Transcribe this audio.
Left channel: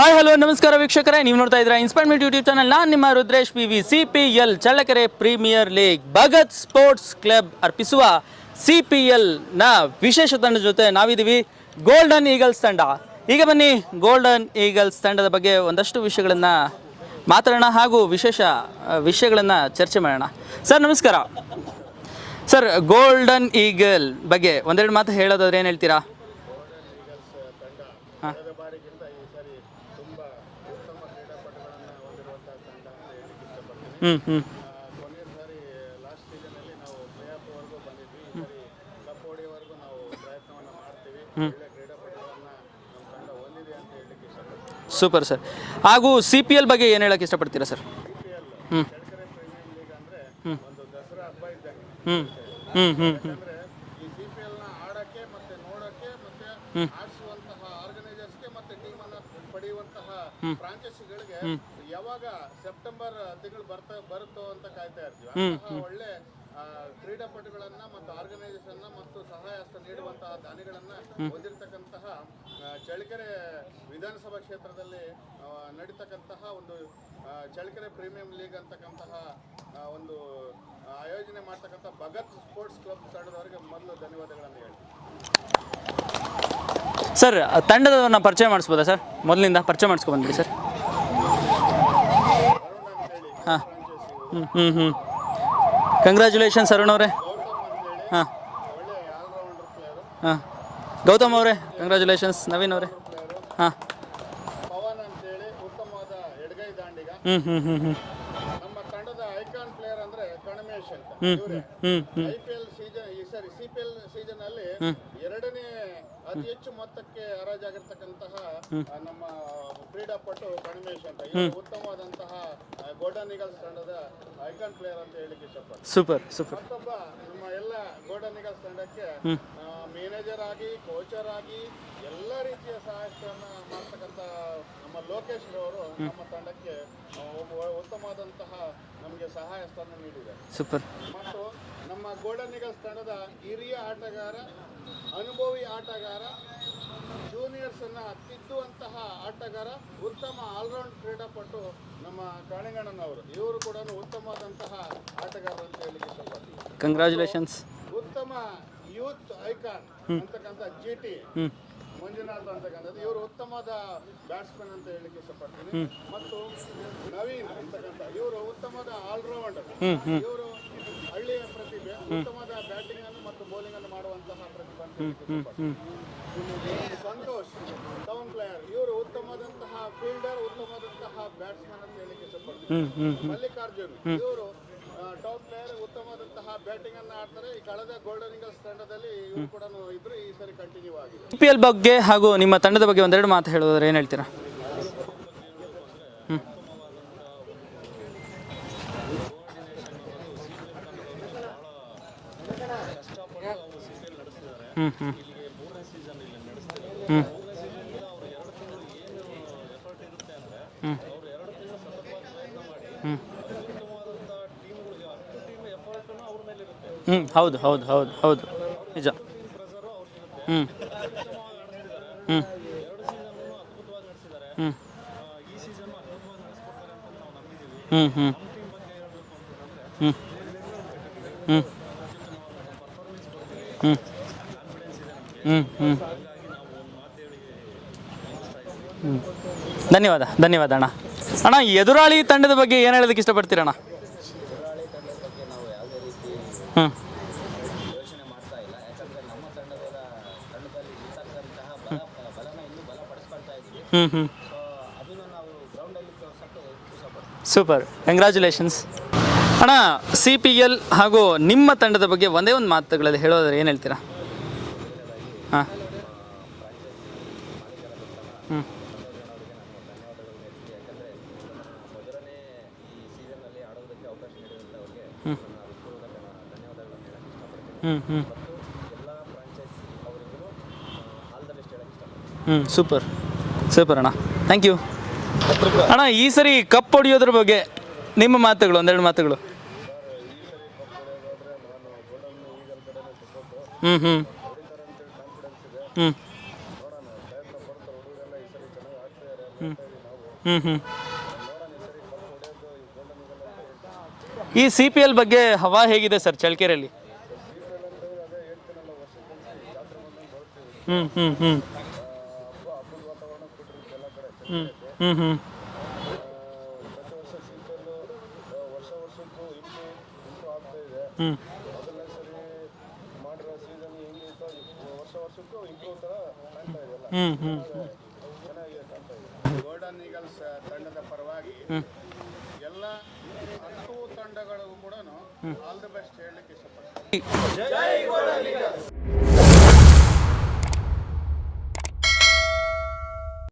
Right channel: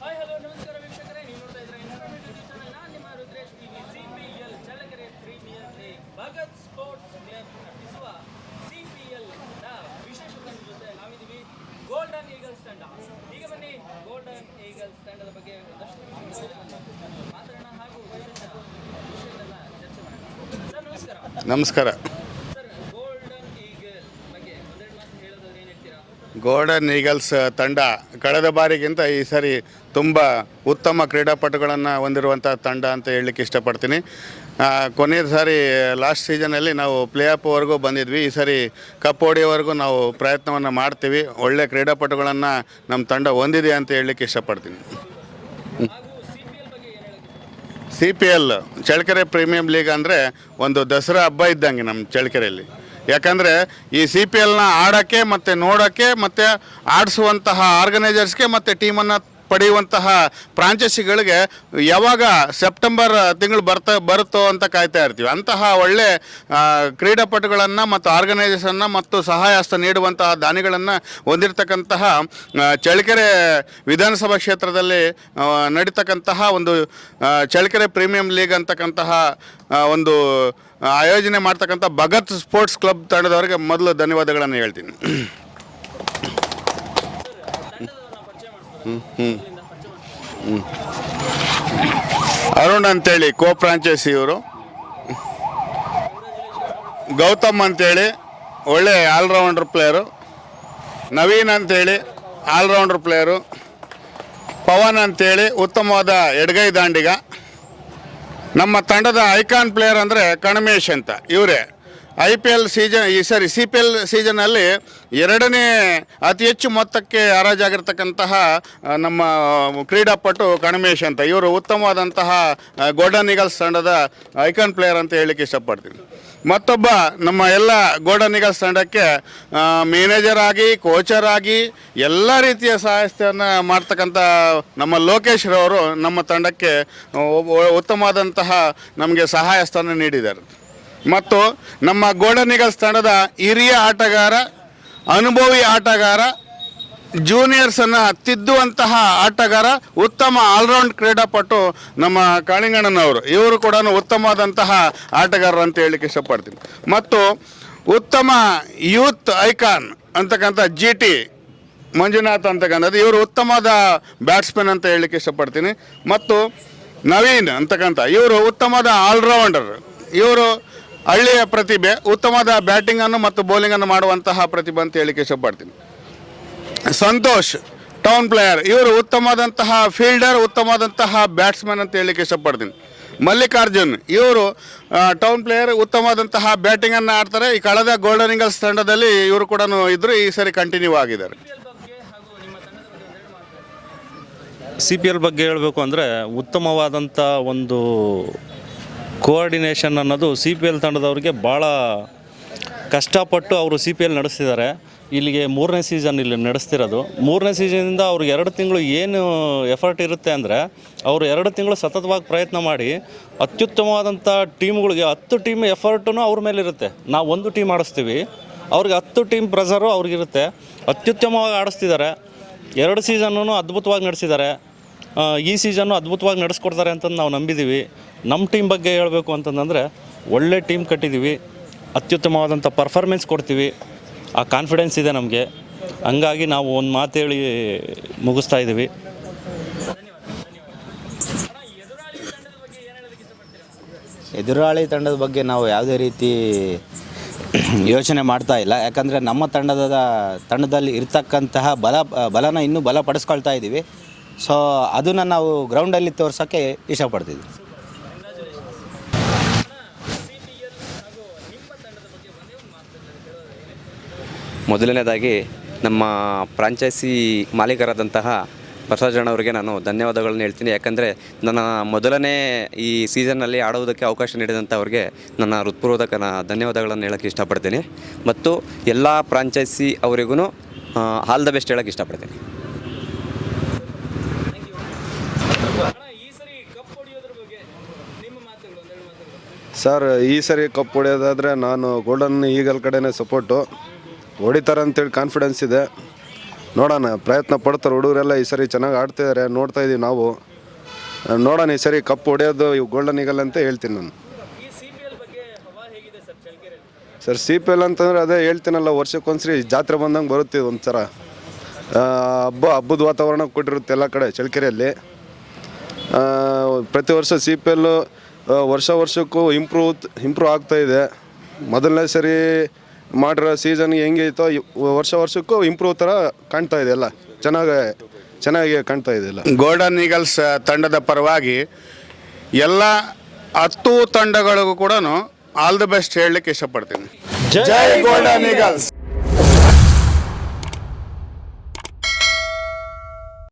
Hi hello ನಮಸ್ಕಾರ ವೀಕ್ಷಕರೇ. ನೀವು ನೋಡ್ತಾ ಇದ್ದೀರಾ ಇನ್ಸ್ಪೈರ್ಮೆಂಟ್ ಯೂಟ್ಯೂಬ್ ಚಾನಲ್ ನಾನು ನಿಮ್ಮ Rudresh P V C P L Challakere premier league Bhagat sports club ಅರ್ಪಿಸುವ ಸಿ ಪಿ ಎಲ್ನ ವಿಶೇಷ ತಂಡದ ಜೊತೆ ನಾವಿದ್ದೀವಿ. ಗೋಲ್ಡನ್ ಈಗಲ್ಸ್ ತಂಡ. ಈಗ ಬನ್ನಿ ಗೋಲ್ಡನ್ ಈಗಲ್ಸ್ ತಂಡದ ಬಗ್ಗೆ ಒಂದಷ್ಟು ವಿಷಯಗಳನ್ನು ಮಾತಾಡೋಣ ಹಾಗೂ ವಿಶೇಷ ವಿಷಯಗಳನ್ನು ಚರ್ಚೆ ಮಾಡೋಣ. ಸರ್ ನಮಸ್ಕಾರ. ನಮಸ್ಕಾರ. ಸರ್ ಗೋಲ್ಡನ್ ಈಗಲ್ ಬಗ್ಗೆ ಒಂದೆರಡು ಮಾತು ಹೇಳೋದಾದ್ರೆ ಏನು ಹೇಳ್ತೀರಾ? ಗೋಲ್ಡನ್ ಈಗಲ್ಸ್ ತಂಡ ಕಳೆದ ಬಾರಿಗಿಂತ ಈ ಸರಿ ತುಂಬ ಉತ್ತಮ ಕ್ರೀಡಾಪಟುಗಳನ್ನ ಹೊಂದಿರುವಂತಹ ತಂಡ ಅಂತ ಹೇಳಲಿಕ್ಕೆ ಇಷ್ಟಪಡ್ತೀನಿ. ಆ, ಕೊನೆಯ ಸಾರಿ ಲಾಸ್ಟ್ ಸೀಸನಲ್ಲಿ ನಾವು ಪ್ಲೇ ಆಫ್ವರೆಗೂ ಬಂದಿದ್ವಿ. ಈ ಸಾರಿ ಕಪ್ ಹೊಡೆಯೋವರೆಗೂ ನಾವು ಪ್ರಯತ್ನವನ್ನ ಮಾಡ್ತೀವಿ. ಒಳ್ಳೆ ಕ್ರೀಡಾಪಟುಗಳನ್ನ ನಮ್ಮ ತಂಡ ಹೊಂದಿದೆ ಅಂತ ಹೇಳಲಿಕ್ಕೆ ಇಷ್ಟಪಡ್ತೀನಿ. Super sir. ಹಾಗೂ ಸಿ ಪಿ ಎಲ್ ಬಗ್ಗೆ ಏನು ಹೇಳಕ್ಕೆ ಇಷ್ಟಪಡ್ತೀರಾ sir? C P L Challakere premium league ಅಂದ್ರೆ ಒಂದು ದಸರಾ ಹಬ್ಬ ಇದ್ದಂಗೆ ನಮ್ಮ ಚಳ್ಳಕೆರೆಯಲ್ಲಿ. ಯಾಕಂದ್ರೆ ಈ ಸಿ ಪಿ ಎಲ್ನ ಆಡಕ್ಕೆ ಮತ್ತೆ ನೋಡಕ್ಕೆ ಮತ್ತೆ ಆಡಿಸುವಂತಹ ಆರ್ಗನೈಸರ್ಸ್ಗೆ ಮತ್ತೆ ಟೀಮನ್ನ ಪಡೆಯುವಂತಹ ಫ್ರಾಂಚೈಸಿಗಳಿಗೆ ಯಾವಾಗ ಸೆಪ್ಟೆಂಬರ್ ತಿಂಗಳು ಬರ್ತಾ ಬರುತ್ತೋ ಅಂತ ಕಾಯ್ತಾ ಇರ್ತೀವಿ. ಅಂತಹ ಒಳ್ಳೆ ಕ್ರೀಡಾಪಟುಗಳನ್ನು ಮತ್ತು ಆರ್ಗನೈಸೇಷನ್ನ ಮತ್ತು ಸಹಾಯ ಹಸ್ತ ನೀಡುವಂತಹ ದಾನಿಗಳನ್ನು ಹೊಂದಿರತಕ್ಕಂತಹ ಚಳ್ಳಕೆರೆ ವಿಧಾನಸಭಾ ಕ್ಷೇತ್ರದಲ್ಲಿ ನಡೀತಕ್ಕಂತಹ ಒಂದು ಚಳ್ಳಕೆರೆ ಪ್ರೀಮಿಯಂ ಲೀಗ್ ಅಂತಕ್ಕಂತಹ ಒಂದು ಆಯೋಜನೆ ಮಾಡ್ತಕ್ಕಂಥ ಭಗತ್ ಸ್ಪೋರ್ಟ್ಸ್ ಕ್ಲಬ್ ತಂಡದವರಿಗೆ ಮೊದಲು ಧನ್ಯವಾದಗಳನ್ನು ಹೇಳ್ತೀನಿ. ಸರ್ ತಂಡದವ್ರನ್ನ ಪರಿಚಯ ಮಾಡಿಸ್ಬೋದಾ ಸರ್? ಮೊದಲಿಂದ ಪರಿಚಯ ಮಾಡಿಸ್ಕೊ ಬಂದ್ರಿ ಸರ್. ಅರುಣ್ ಅಂತೇಳಿ ಕೋ ಫ್ರಾಂಚೈಸಿ ಇವರು. ಹ್ಮ್ ಹ್ಮ್ ಕಂಗ್ರ್ಯಾಚುಲೇಷನ್ಸ್ ಅರುಣ್ ಅವರೇ. ಗೌತಮ್ ಅಂತೇಳಿ ಒಳ್ಳೆ ಆಲ್ರೌಂಡರ್ ಪ್ಲೇಯರು ಹಾಂ. ನವೀನ್ ಅಂತ ಹೇಳಿ ಆಲ್ರೌಂಡರ್ ಪ್ಲೇಯರು ಹಾಂ. ಪವನ್ ಅಂತೇಳಿ ಉತ್ತಮವಾದ ಎಡಗೈ ದಾಂಡಿಗ. ನಮ್ಮ ತಂಡದ ಐಕಾನ್ ಪ್ಲೇಯರ್ ಅಂದ್ರೆ ಕಣಮೇಶ್ ಅಂತ ಇವರೇ. ಐ ಪಿ ಎಲ್ ಸೀಸನ್ ಈ ಸರಿ ಸಿ ಪಿ ಎಲ್ ಸೀಸನ್ ಅಲ್ಲಿ ಎರಡನೇ ಅತಿ ಹೆಚ್ಚು ಮೊತ್ತಕ್ಕೆ ಹರಾಜಾಗಿರ್ತಕ್ಕಂತಹ ನಮ್ಮ ಕ್ರೀಡಾಪಟು ಕಣಮೇಶ್ ಅಂತ. ಇವರು ಉತ್ತಮವಾದಂತಹ ಗೋಲ್ಡನ್ ಈಗಲ್ಸ್ ತಂಡದ ಐಕಾನ್ ಪ್ಲೇಯರ್ ಅಂತ ಹೇಳಲಿಕ್ಕೆ ಇಷ್ಟಪಡ್ತೀನಿ. ಸೂಪರ್ ಮತ್ತೊಬ್ಬ ನಮ್ಮ ಎಲ್ಲ ಗೋಲ್ಡನ್ ಈಗಲ್ಸ್ ತಂಡಕ್ಕೆ ಮ್ಯಾನೇಜರ್ ಆಗಿ ಕೋಚರ್ ಆಗಿ ಎಲ್ಲ ರೀತಿಯ ಸಹಾಯಸ್ಥೆಯನ್ನ ಮಾಡ್ತಕ್ಕಂಥ ನಮ್ಮ ಲೋಕೇಶ್ ರವರು ನಮ್ಮ ತಂಡಕ್ಕೆ ಒ- ನಮಗೆ ಸಹಾಯ ಸ್ಥಾನ ನೀಡಿದ್ದಾರೆ. ಸೂಪರ್. ಮತ್ತು ನಮ್ಮ ಗೋಲ್ಡನ್ ಈಗಲ್ಸ್ ತಂಡದ ಹಿರಿಯ ಆಟಗಾರ ಅನುಭವಿ ಆಟಗಾರ ಜೂನಿಯರ್ಸ್ ಅನ್ನ ತಿದ್ದುವಂತಹ ಆಟಗಾರ ಉತ್ತಮ ಆಲ್ರೌಂಡ್ ಕ್ರೀಡಾಪಟು ನಮ್ಮ ಕಾಳಿಂಗಣ್ಣನವರು. ಇವರು ಕೂಡ ಉತ್ತಮವಾದಂತಹ ಆಟಗಾರರು ಅಂತ ಹೇಳಲಿಕ್ಕೆ ಇಷ್ಟಪಡ್ತೀನಿ. ಮತ್ತು ಉತ್ತಮ ಯೂತ್ ಐಕಾನ್ ಅಂತಕ್ಕಂಥ ಜಿ ಟಿ ಮಂಜುನಾಥ್ ಅಂತಕ್ಕಂಥದ್ದು. ಇವರು ಉತ್ತಮವಾದ ಬ್ಯಾಟ್ಸ್ಮನ್ ಅಂತ ಹೇಳಲಿಕ್ಕೆ ಇಷ್ಟಪಡ್ತೀನಿ. ಮತ್ತು ನವೀನ್ ಅಂತಕ್ಕಂಥ ಇವರು ಉತ್ತಮದ ಆಲ್ರೌಂಡರ್ ಇವರು ಹಳ್ಳಿಯ ಪ್ರತಿಭೆ ಉತ್ತಮದ ಬ್ಯಾಟಿಂಗ್ ಅನ್ನು ಮತ್ತು ಬೌಲಿಂಗ್ ಅನ್ನು ಮಾಡುವಂತಹ ಪ್ರತಿಭೆ ಅಂತ ಹೇಳಿಕೆ ಇಷ್ಟಪಡ್ತೀನಿ ಸಂತೋಷ್ ಟೌನ್ ಪ್ಲೇಯರ್ ಇವರು ಉತ್ತಮವಾದಂತಹ ಫೀಲ್ಡರ್ ಉತ್ತಮವಾದಂತಹ ಬ್ಯಾಟ್ಸ್ಮನ್ ಅಂತ ಹೇಳಲಿಕ್ಕೆ ಇಷ್ಟಪಡ್ತೀನಿ ಮಲ್ಲಿಕಾರ್ಜುನ್ ಇವರು ಟೌನ್ ಪ್ಲೇಯರ್ ಉತ್ತಮವಾದಂತಹ ಬ್ಯಾಟಿಂಗ್ ಅನ್ನ ಆಡ್ತಾರೆ. ಈ ಕಳೆದ ಗೋಲ್ಡನ್ ಇಂಗಲ್ಸ್ ತಂಡದಲ್ಲಿ ಇವರು ಕೂಡ ಇದ್ರು. ಈ ಸರಿ ಕಂಟಿನ್ಯೂ ಆಗಿದ್ದಾರೆ. ಪಿ ಎಲ್ ಬಗ್ಗೆ ಹಾಗೂ ನಿಮ್ಮ ತಂಡದ ಬಗ್ಗೆ ಒಂದೆರಡು ಮಾತು ಹೇಳೋದ್ರೆ ಏನ್ ಹೇಳ್ತೀರಾ? ಸಿ ಪಿ ಎಲ್ ಬಗ್ಗೆ ಹೇಳಬೇಕು ಅಂದರೆ ಉತ್ತಮವಾದಂಥ ಒಂದು ಕೋಆರ್ಡಿನೇಷನ್ ಅನ್ನೋದು ಸಿ ಪಿ ಎಲ್ ತಂಡದವ್ರಿಗೆ ಭಾಳ ಕಷ್ಟಪಟ್ಟು ಅವರು ಸಿ ಪಿ ಎಲ್ ನಡೆಸ್ತಿದ್ದಾರೆ. ಇಲ್ಲಿಗೆ ಮೂರನೇ ಸೀಸನ್ ಇಲ್ಲಿ ನಡೆಸ್ತಿರೋದು. ಮೂರನೇ ಸೀಸನಿಂದ ಅವ್ರಿಗೆ ಎರಡು ತಿಂಗಳು ಏನು ಎಫರ್ಟ್ ಇರುತ್ತೆ ಅಂದರೆ ಅವರು ಎರಡು ತಿಂಗಳು ಸತತವಾಗಿ ಪ್ರಯತ್ನ ಮಾಡಿ ಅತ್ಯುತ್ತಮವಾದಂಥ ಟೀಮ್ಗಳಿಗೆ ಹತ್ತು ಟೀಮ್ ಎಫರ್ಟು ಅವ್ರ ಮೇಲೆ ಇರುತ್ತೆ. ನಾವು ಒಂದು ಟೀಮ್ ಆಡಿಸ್ತೀವಿ. ಅವ್ರಿಗೆ ಹತ್ತು ಟೀಮ್ ಪ್ರೆಸರು ಅವ್ರಿಗಿರುತ್ತೆ. ಅತ್ಯುತ್ತಮವಾಗಿ ಆಡಿಸ್ತಿದ್ದಾರೆ. ಎರಡು ಸೀಸನ್ನು ಅದ್ಭುತವಾಗಿ ನಡೆಸಿದ್ದಾರೆ. ಈ ಸೀಸನ್ ಅದ್ಭುತವಾಗಿ ನಡೆಸ್ಕೊಡ್ತಾರೆ ಅಂತ ನಾವು ನಂಬಿದೀವಿ. ನಮ್ಮ ಟೀಮ್ ಬಗ್ಗೆ ಹೇಳಬೇಕು ಅಂತಂದ್ರೆ ಒಳ್ಳೆ ಟೀಮ್ ಕಟ್ಟಿದೀವಿ. ಅತ್ಯುತ್ತಮವಾದಂಥ ಪರ್ಫಾರ್ಮೆನ್ಸ್ ಕೊಡ್ತೀವಿ. ಆ ಕಾನ್ಫಿಡೆನ್ಸ್ ಇದೆ ನಮಗೆ. ಹಂಗಾಗಿ ನಾವು ಒಂದು ಮಾತು ಹೇಳಿ ಮುಗಿಸ್ತಾ ಇದ್ದೀವಿ ಧನ್ಯವಾದ ಧನ್ಯವಾದ ಅಣ್ಣ. ಅಣ್ಣ ಎದುರಾಳಿ ತಂಡದ ಬಗ್ಗೆ ಏನು ಹೇಳೋದಕ್ಕೆ ಇಷ್ಟಪಡ್ತೀರಣ್ಣ? ಎದುರಾಳಿ ತಂಡದ ಬಗ್ಗೆ ನಾವು ಯಾವುದೇ ರೀತಿ ಯೋಚನೆ ಮಾಡ್ತಾ ಇಲ್ಲ. ಯಾಕಂದರೆ ನಮ್ಮ ತಂಡದ ತಂಡದಲ್ಲಿ ಇರ್ತಕ್ಕಂತಹ ಬಲ ಬಲನ ಇನ್ನೂ ಬಲಪಡಿಸ್ಕೊಳ್ತಾ ಇದ್ದೀವಿ ಸೊ ಅದನ್ನು ನಾವು ಗ್ರೌಂಡಲ್ಲಿ ತೋರ್ಸೋಕ್ಕೆ ಇಷ್ಟಪಡ್ತೀವಿ ಸೂಪರ್ ಕಂಗ್ರ್ಯಾಚುಲೇಷನ್ಸ್ ಅಣ್ಣ ಸಿ ಪಿ ಎಲ್ ಹಾಗೂ ನಿಮ್ಮ ತಂಡದ ಬಗ್ಗೆ ಒಂದೇ ಒಂದು ಮಾತುಗಳಲ್ಲಿ ಹೇಳೋದ್ರೆ ಏನು ಹೇಳ್ತೀರಾ? ಮೊದಲನೇದಾಗಿ ನಮ್ಮ ಫ್ರಾಂಚೈಸಿ ಮಾಲೀಕರಾದಂತಹ ಪ್ರಸಾದ್ ಅವರಿಗೆ ನಾನು ಧನ್ಯವಾದಗಳನ್ನ ಹೇಳ್ತೀನಿ. ಯಾಕಂದರೆ ನನ್ನ ಮೊದಲನೇ ಈ ಸೀಸನ್ನಲ್ಲಿ ಆಡೋದಕ್ಕೆ ಅವಕಾಶ ನೀಡಿದಂಥವ್ರಿಗೆ ನನ್ನ ಹೃತ್ಪೂರ್ವಕ ಧನ್ಯವಾದಗಳನ್ನು ಹೇಳೋಕ್ಕೆ ಇಷ್ಟಪಡ್ತೀನಿ. ಮತ್ತು ಎಲ್ಲ ಫ್ರಾಂಚೈಸಿ ಅವರಿಗೂ ಆಲ್ ದ ಬೆಸ್ಟ್ ಹೇಳೋಕ್ಕೆ ಇಷ್ಟಪಡ್ತೀನಿ. ಸೂಪರ್. ಸೂಪರ್ ಅಣ್ಣ. ಥ್ಯಾಂಕ್ ಯು ಅಣ್ಣ ಈ ಸರಿ ಕಪ್ ಹೊಡೆಯೋದ್ರ ಬಗ್ಗೆ ನಿಮ್ಮ ಮಾತುಗಳು ಒಂದೆರಡು ಮಾತುಗಳು. ಸರ್ ಈ ಸರಿ ಕಪ್ ಹೊಡೆಯೋದಾದ್ರೆ ನಾನು ಗೋಲ್ಡನ್ ಈಗಲ್ ಕಡೆನೇ ಸಪೋರ್ಟು ಹೊಡಿತಾರೆ ಅಂತೇಳಿ ಕಾನ್ಫಿಡೆನ್ಸ್ ಇದೆ. ನೋಡೋಣ ಪ್ರಯತ್ನ ಪಡ್ತಾರೆ ಹುಡುಗರೆಲ್ಲ ಈ ಸರಿ ಚೆನ್ನಾಗಿ ಆಡ್ತಿದ್ದಾರೆ ನೋಡ್ತಾ ಇದೀವಿ ನಾವು. ನೋಡೋಣ ಈ ಸರಿ ಕಪ್ ಹೊಡೆಯೋದು ಗೋಲ್ಡನ್ ಈಗಲ್ ಅಂತ ಹೇಳ್ತೀನಿ ನಾನು. ಈ ಸಿ ಪಿ ಎಲ್ ಬಗ್ಗೆ ಹವಾ ಹೇಗಿದೆ ಸರ್ ಚಳ್ಳಕೆರೆಯಲ್ಲಿ? ಸರ್ ಸಿ ಪಿ ಎಲ್ ಅಂತಂದ್ರೆ ಅದೇ ಹೇಳ್ತೀನಲ್ಲ ವರ್ಷಕ್ಕೊಂದ್ಸರಿ ಜಾತ್ರೆ ಬಂದಂಗೆ ಬರುತ್ತೆ ಒಂದ್ಸಲ ಆ, ಹಬ್ಬ ಹಬ್ಬದ ವಾತಾವರಣ ಕೊಟ್ಟಿರುತ್ತೆ ಎಲ್ಲ ಕಡೆ ಚಳ್ಳಕೆರೆಯಲ್ಲಿ. ಆ, ಪ್ರತಿ ವರ್ಷ ಸಿ ಪಿ ಎಲ್ ವರ್ಷ ವರ್ಷಕ್ಕೂ ಇಂಪ್ರೂವ್ ಇಂಪ್ರೂವ್ ಆಗ್ತಾ ಇದೆ. ಮೊದಲನೇ ಸರಿ ಮಾಡಿರೋ ಸೀಸನ್ ಹೆಂಗೆ ಇತ್ತೋ ವರ್ಷ ವರ್ಷಕ್ಕೂ ಇಂಪ್ರೂವ್ ಥರ ಕಾಣ್ತಾ ಇದೆ ಎಲ್ಲ. ಚೆನ್ನಾಗಿ ಚೆನ್ನಾಗಿ ಕಾಣ್ತಾ ಇದೆ ಎಲ್ಲ. ಗೋಲ್ಡನ್ ಈಗಲ್ಸ್ ತಂಡದ ಪರವಾಗಿ ಎಲ್ಲ ಹತ್ತು ತಂಡಗಳಿಗೂ ಕೂಡ ಆಲ್ ದ ಬೆಸ್ಟ್ ಹೇಳಲಿಕ್ಕೆ ಇಷ್ಟಪಡ್ತೀನಿ. ಜೈ ಗೋಲ್ಡನ್ ಈಗಲ್ಸ್